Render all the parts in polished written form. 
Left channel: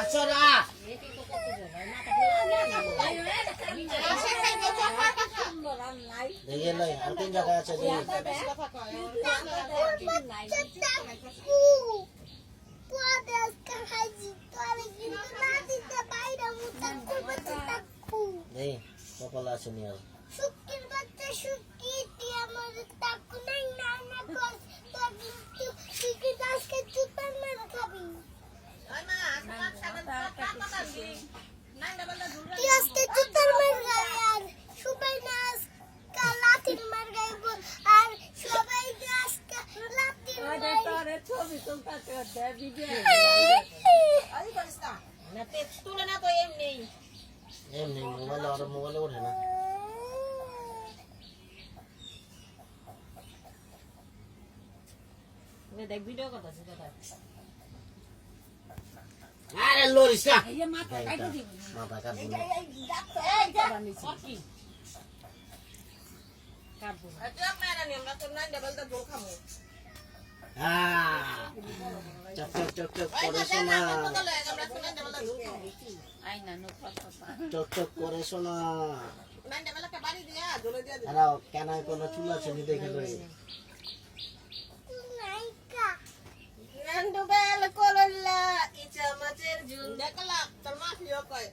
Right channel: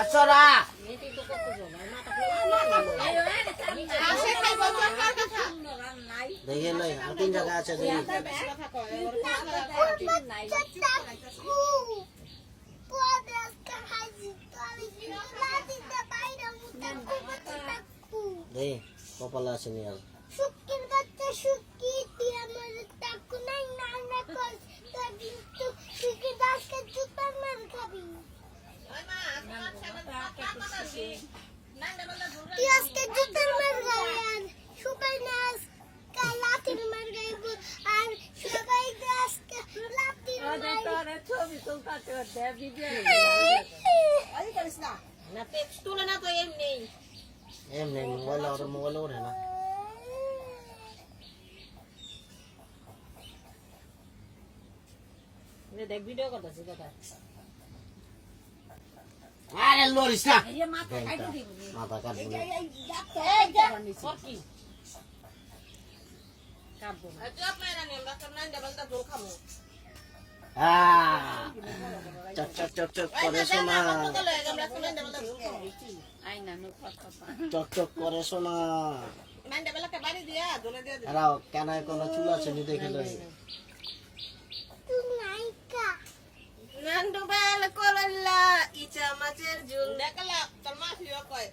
আছরা দেখে লই আর তিন জায়গা আছে দেখি দেখি কপালে আছে নি আর শুকির বাচ্চা শুকি দিয়ে আমার তাকু নাই না না কর তো কিন্তু শুকি দাসকে জুতার মার খাবি ওই মা তুই আজকে জুতার মার খাবি আর সবাই নাচ লাঠির মার গাইব আর সবাই আজকে লাঠির মার তোরে ছবি তুলতে দে ভিডিও আই করিস না না টেক্সট তুলে না তো এমনি মোবাইল ওঠে না দেখ ভিডিও কত আছে কত আরে লরিস না এই মাথা কাটে দিব মাথা কাটবো না আর কি কাটবো না তুই আপনারা নিয়ম রাখতে নাই ডাবলটা জল খামু চক চক চক চক করে শোনা আই না নো পাপা চক চক করে শোনা নাই ডাবলটা বাড়ি দিয়া জলে দিয়া আরে কেন কোনো চুল আছে নি দেখে লই নাইকা নান্ডু বেল করলা ইচা মাছের ঝুল দেখলা তোর মা ফিও কয়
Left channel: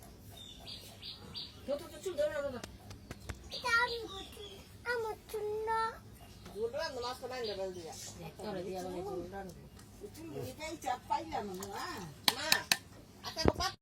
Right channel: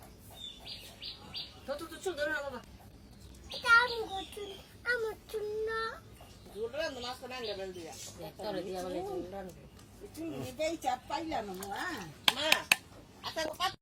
তো চুল ধরে না বাবা আমার চুন্ন ঝুল রান্না মাছ তো নাই ডাবল দিয়া তোরে দিয়া বলে ঝুল রান্না চুল নিবেই চাপ পাইলা না মা মা আতা গো পাপা